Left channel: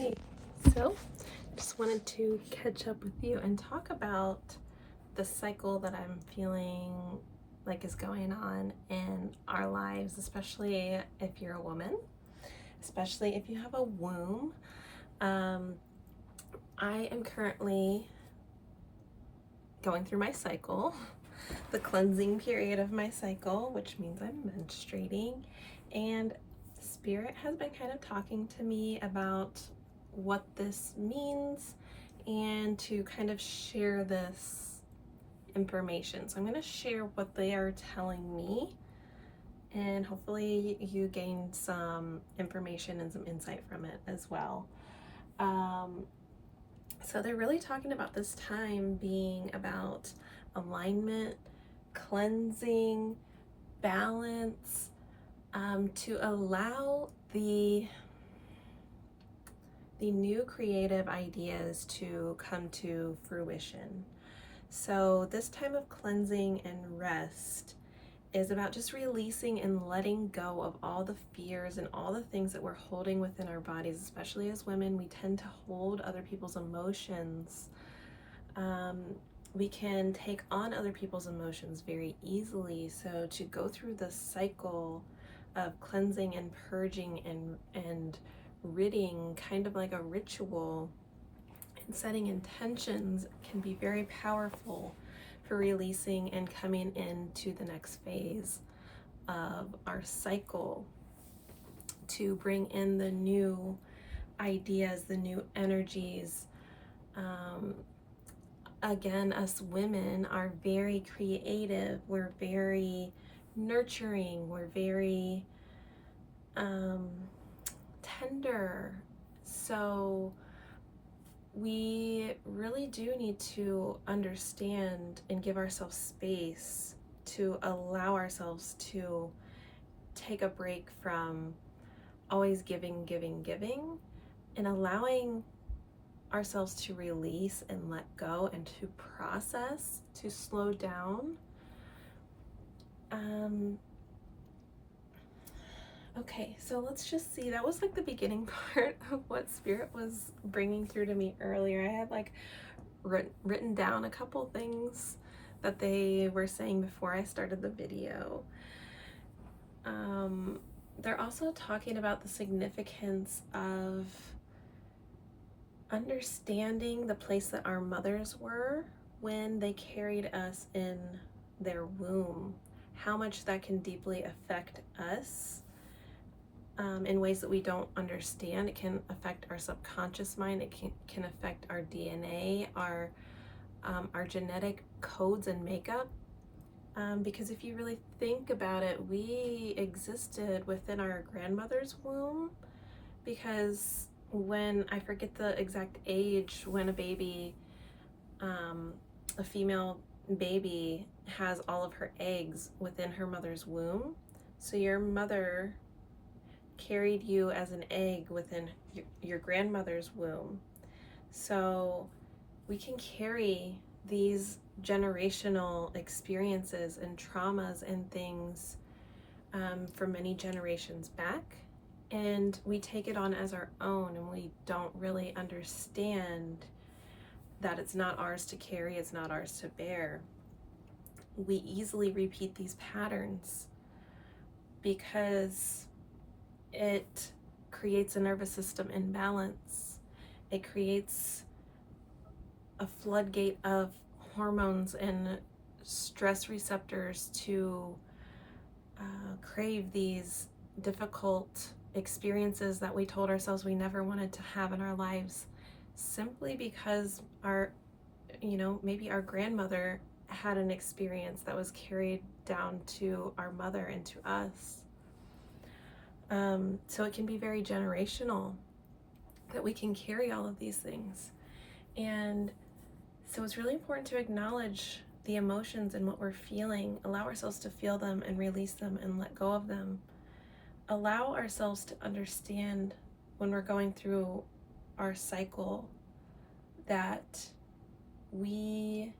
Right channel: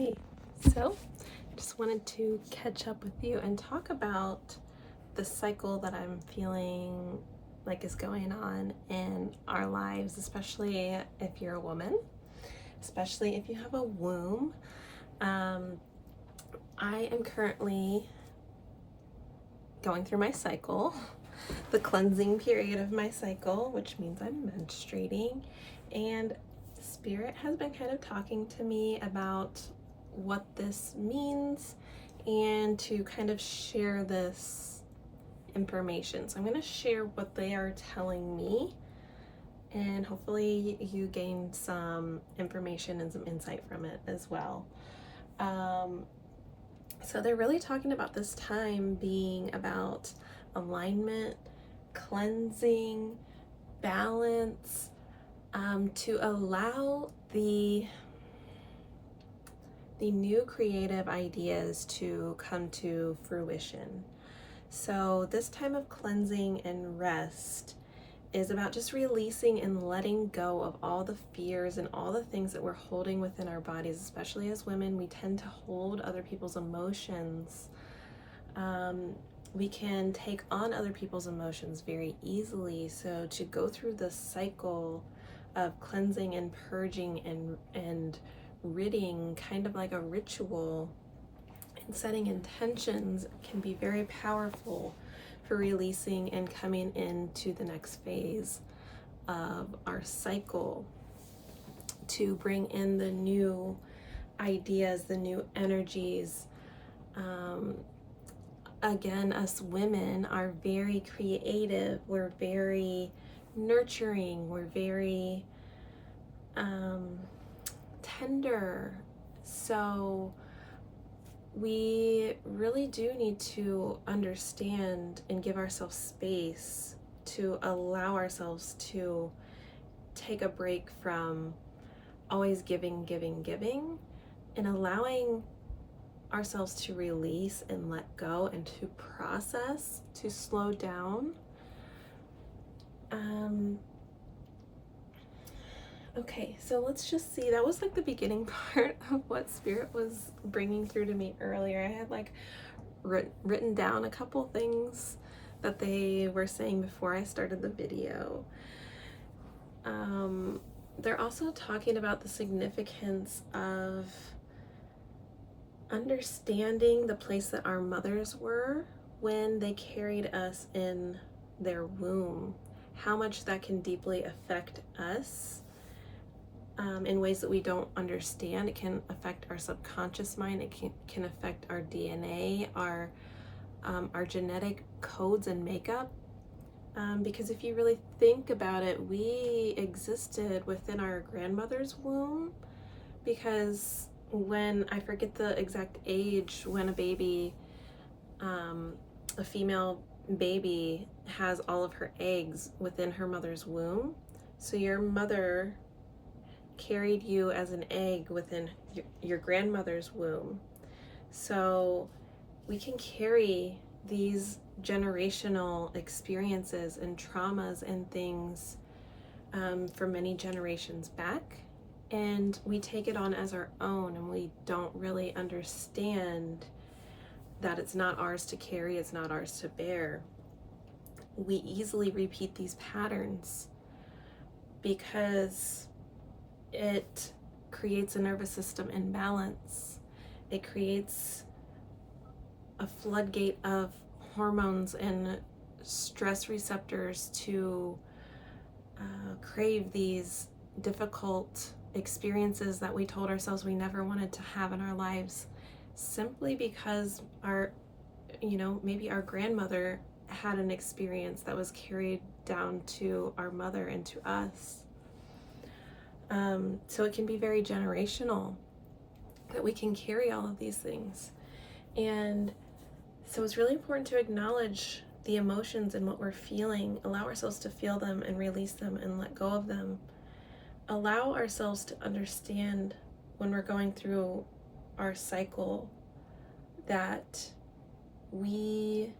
Okay, so just wanted to catch up with you and talk about the cycle that I'm feeling like is going on in our lives, especially if you're a woman, especially if you have a womb. Um, I am currently going through my cycle, the cleansing period of my cycle, which means I'm menstruating, and Spirit has been kind of talking to me about what this means and to kind of share this information. So I'm going to share what they are telling me, and hopefully you gain some information and some insight from it as well. So they're really talking about this time being about alignment, cleansing, balance, to allow the new creative ideas to come to fruition. So this time of cleansing and rest is about just releasing and letting go of all the fears and all the things that we're holding within our bodies. Especially as women, we tend to hold other people's emotions. We can take on other people's emotions very easily. So to go through this cycle of cleansing and purging and ridding, kind of like a ritual, and setting intentions, can be very powerful for releasing and coming into the next phase of our cycle, to bring in the new ideas, the new energies. Again, us women are very creative, we're very nurturing, we're very tender. So we really do need to understand and give ourselves space to allow ourselves to take a break from always giving, and allowing ourselves to release and let go and to process, to slow down. Okay, so let's just see. That was like the beginning part of what Spirit was bringing through to me earlier. I had like written down a couple things that they were saying before I started the video. They're also talking about the significance of understanding the place that our mothers were when they carried us in their womb, how much that can deeply affect us in ways that we don't understand. It can affect our subconscious mind. It can affect our DNA, our genetic codes and makeup. Because if you really think about it, we existed within our grandmother's womb, because when, I forget the exact age, when a baby, a female baby has all of her eggs within her mother's womb. So your mother carried you as an egg within your grandmother's womb. So we can carry these generational experiences and traumas and things for many generations back, and we take it on as our own, and we don't really understand that it's not ours to carry, it's not ours to bear. We easily repeat these patterns because it creates a nervous system imbalance. It creates a floodgate of hormones and stress receptors to crave these difficult experiences that we told ourselves we never wanted to have in our lives, simply because maybe our grandmother had an experience that was carried down to our mother and to us. So it can be very generational that we can carry all of these things. And so it's really important to acknowledge the emotions and what we're feeling, allow ourselves to feel them and release them and let go of them. Allow ourselves to understand when we're going through our cycle that we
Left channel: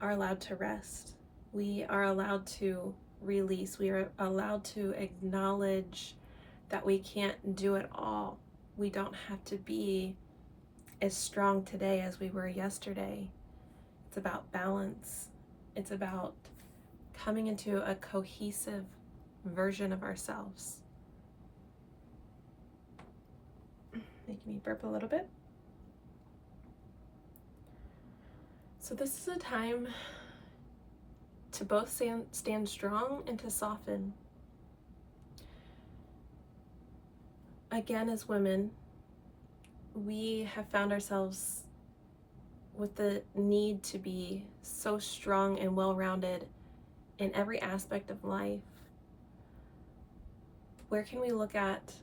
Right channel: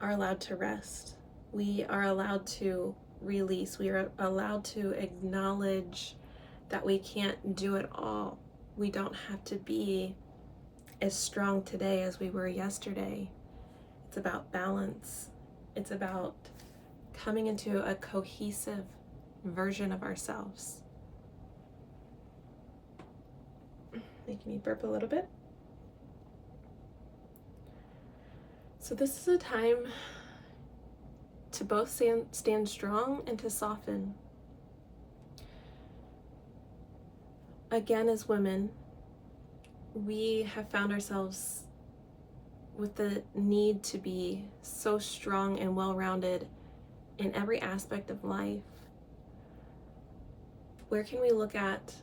are allowed to rest. We are allowed to release. We are allowed to acknowledge that we can't do it all. We don't have to be as strong today as we were yesterday. It's about balance. It's about coming into a cohesive version of ourselves. Making me burp a little bit. So this is a time to both stand strong and to soften. Again, as women, we have found ourselves with the need to be so strong and well-rounded in every aspect of life. Where can we look at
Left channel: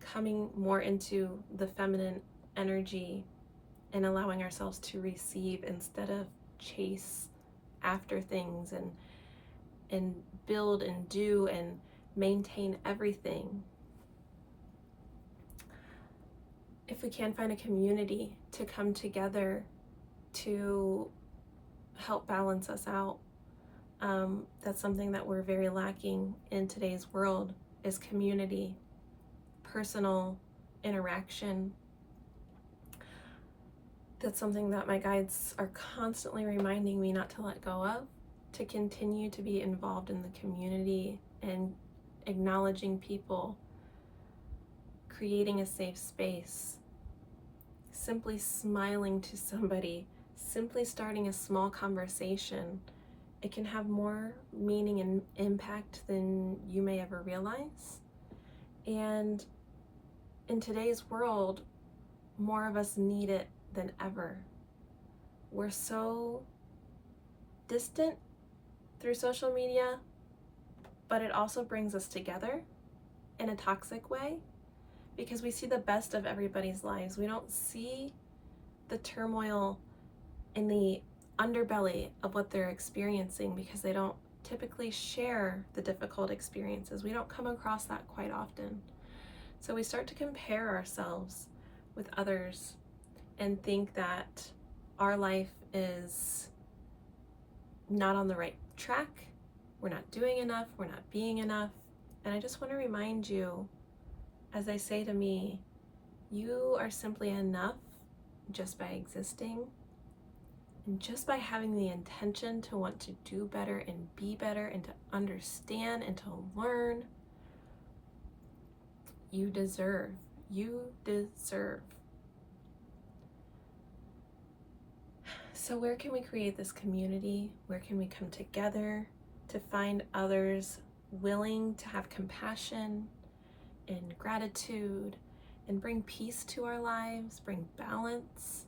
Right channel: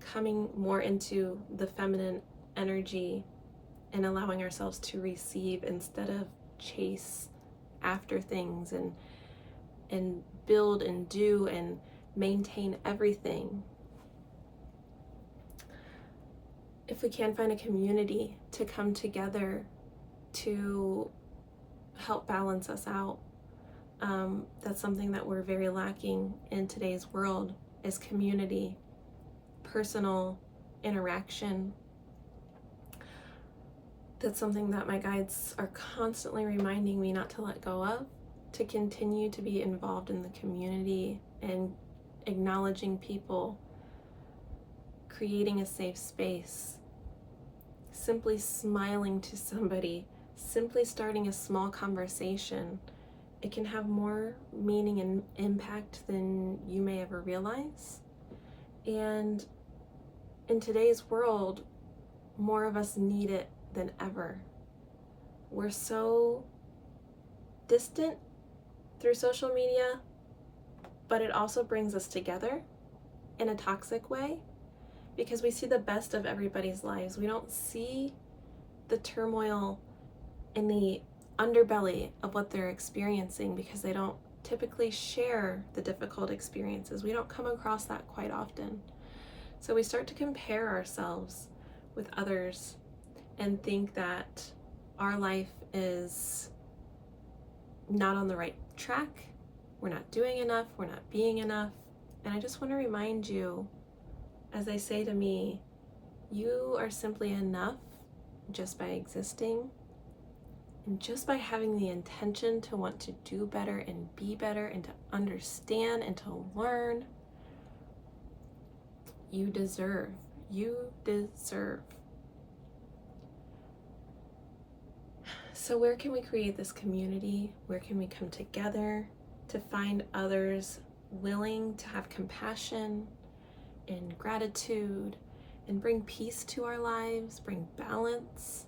coming more into the feminine energy and allowing ourselves to receive instead of chase after things and build and do and maintain everything? If we can find a community to come together to help balance us out, that's something that we're very lacking in today's world, is community, personal interaction. That's something that my guides are constantly reminding me not to let go of, to continue to be involved in the community and acknowledging people, creating a safe space, simply smiling to somebody, simply starting a small conversation. It can have more meaning and impact than you may ever realize. And in today's world, more of us need it than ever. We're so distant through social media, but it also brings us together in a toxic way because we see the best of everybody's lives. We don't see the turmoil in the underbelly of what they're experiencing because they don't typically share the difficult experiences. We don't come across that quite often. So we start to compare ourselves with others and think that our life is not on the right track, we're not doing enough, we're not being enough. And I just want to remind you, as they say to me, you are simply enough just by existing and just by having the intention to want to do better and be better and to understand and to learn. You deserve. So where can we create this community? Where can we come together to find others willing to have compassion and gratitude and bring peace to our lives, bring balance?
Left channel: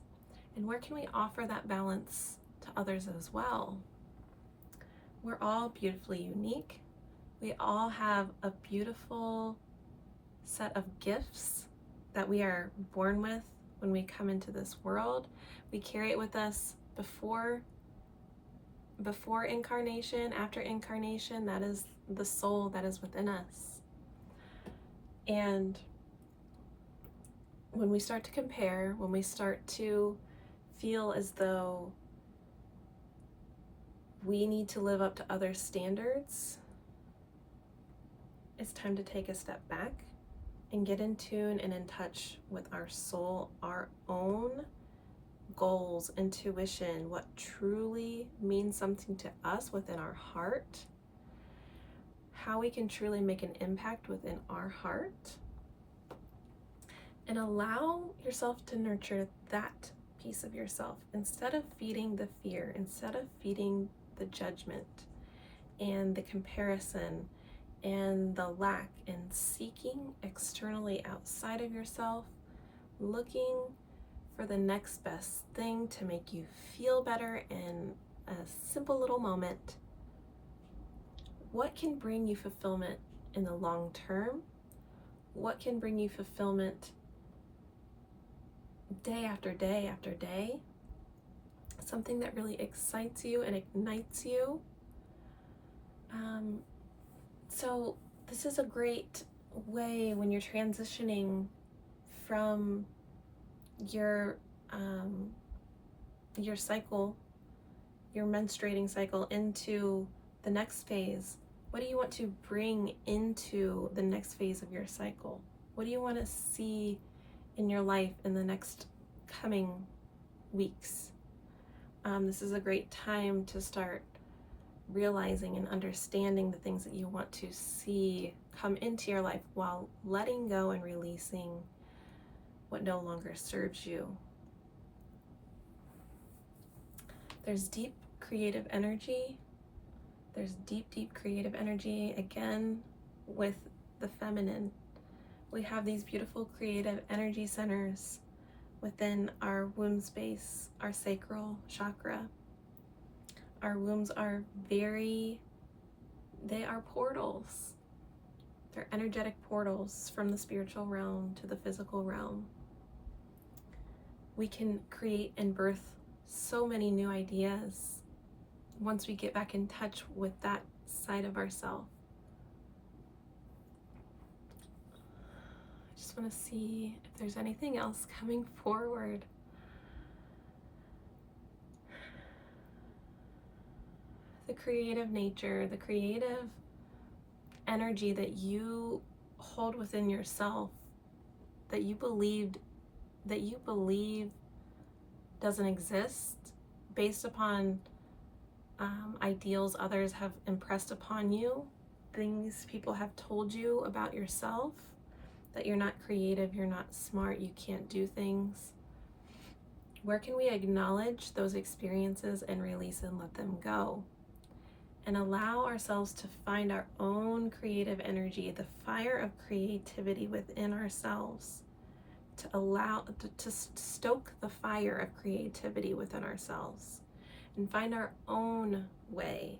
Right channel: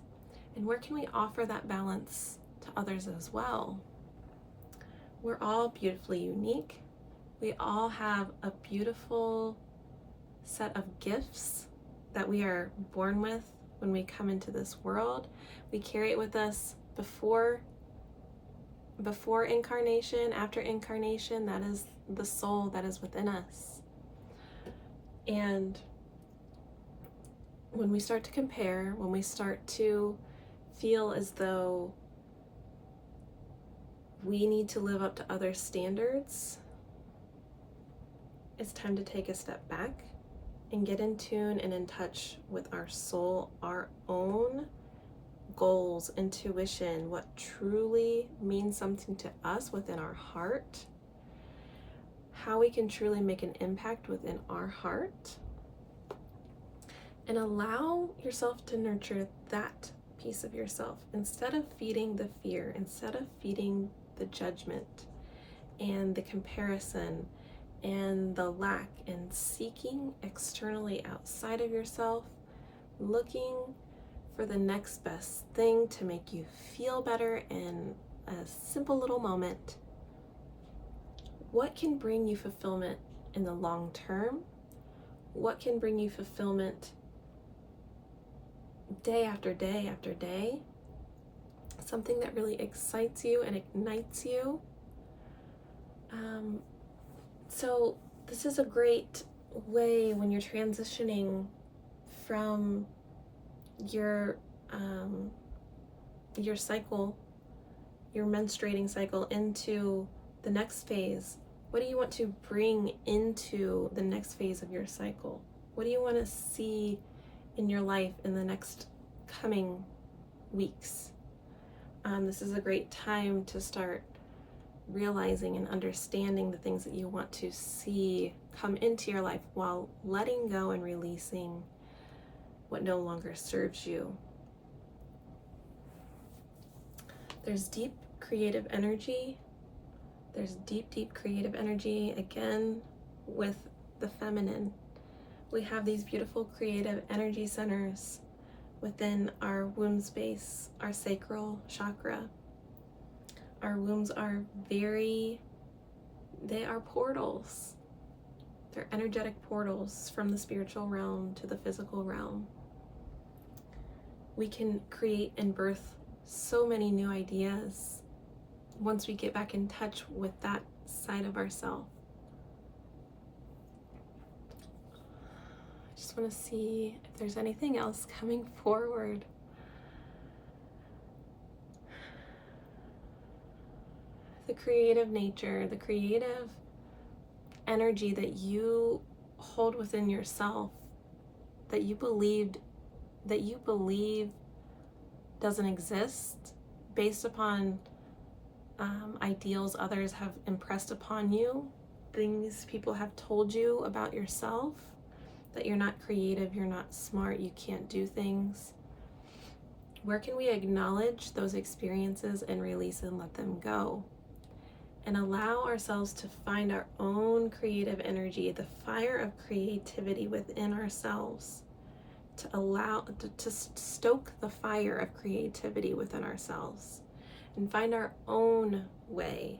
And where can we offer that balance to others as well? We're all beautifully unique. We all have a beautiful set of gifts that we are born with when we come into this world. We carry it with us before incarnation, after incarnation. That is the soul that is within us. And when we start to compare, when we start to feel as though we need to live up to other standards, it's time to take a step back and get in tune and in touch with our soul, our own goals, intuition, what truly means something to us within our heart, how we can truly make an impact within our heart, and allow yourself to nurture that piece of yourself instead of feeding the fear, instead of feeding the judgment and the comparison and the lack, and seeking externally outside of yourself, looking for the next best thing to make you feel better in a simple little moment. What can bring you fulfillment in the long term? What can bring you fulfillment day after day after day? Something that really excites you and ignites you. So this is a great way when you're transitioning from your cycle, your menstruating cycle, into the next phase, What do you want to bring into the next phase of your cycle? What do you want to see in your life in the next coming weeks? This is a great time to start realizing and understanding the things that you want to see come into your life while letting go and releasing what no longer serves you. There's deep creative energy. There's deep creative energy, again, with the feminine. We have these beautiful creative energy centers within our womb space, our sacral chakra. Our wombs are they are portals. They're energetic portals from the spiritual realm to the physical realm. We can create and birth so many new ideas once we get back in touch with that side of ourselves. I just want to see if there's anything else coming forward. The creative nature, the creative energy that you hold within yourself, that you believe doesn't exist based upon ideals others have impressed upon you, things people have told you about yourself, that you're not creative, you're not smart, you can't do things. Where can we acknowledge those experiences and release and let them go? And allow ourselves to find our own creative energy, the fire of creativity within ourselves, to stoke the fire of creativity within ourselves and find our own way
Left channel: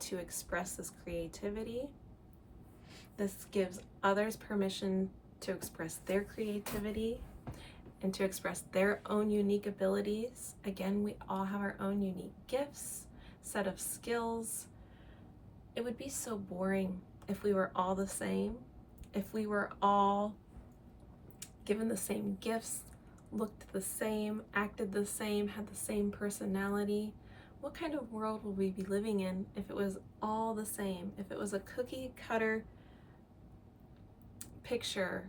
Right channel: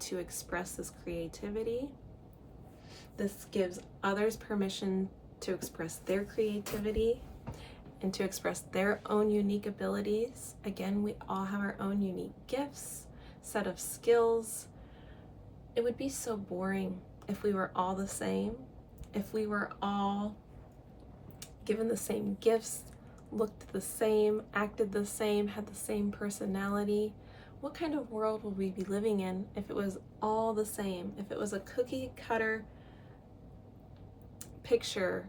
to express this creativity. This gives others permission to express their creativity and to express their own unique abilities. Again, we all have our own unique gifts, set of skills. It would be so boring if we were all the same, if we were all given the same gifts, looked the same, acted the same, had the same personality. What kind of world would we be living in if it was all the same? If it was a cookie cutter picture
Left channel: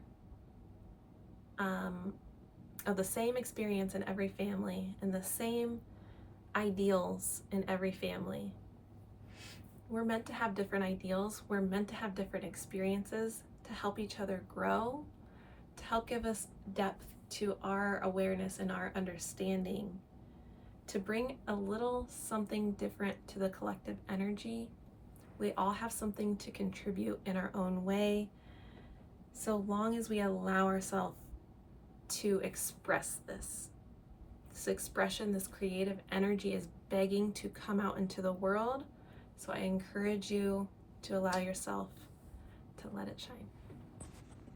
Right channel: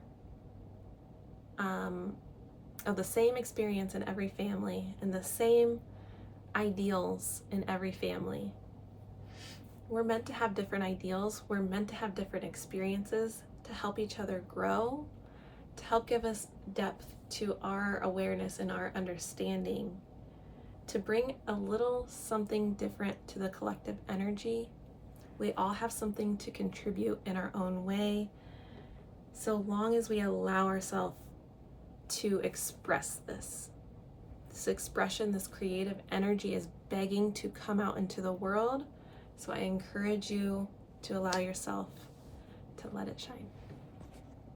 of the same experience in every family and the same ideals in every family. We're meant to have different ideals. We're meant to have different experiences to help each other grow, to help give us depth to our awareness and our understanding, to bring a little something different to the collective energy. We all have something to contribute in our own way, so long as we allow ourselves to express this. This expression, this creative energy is begging to come out into the world. So I encourage you to allow yourself to let it shine.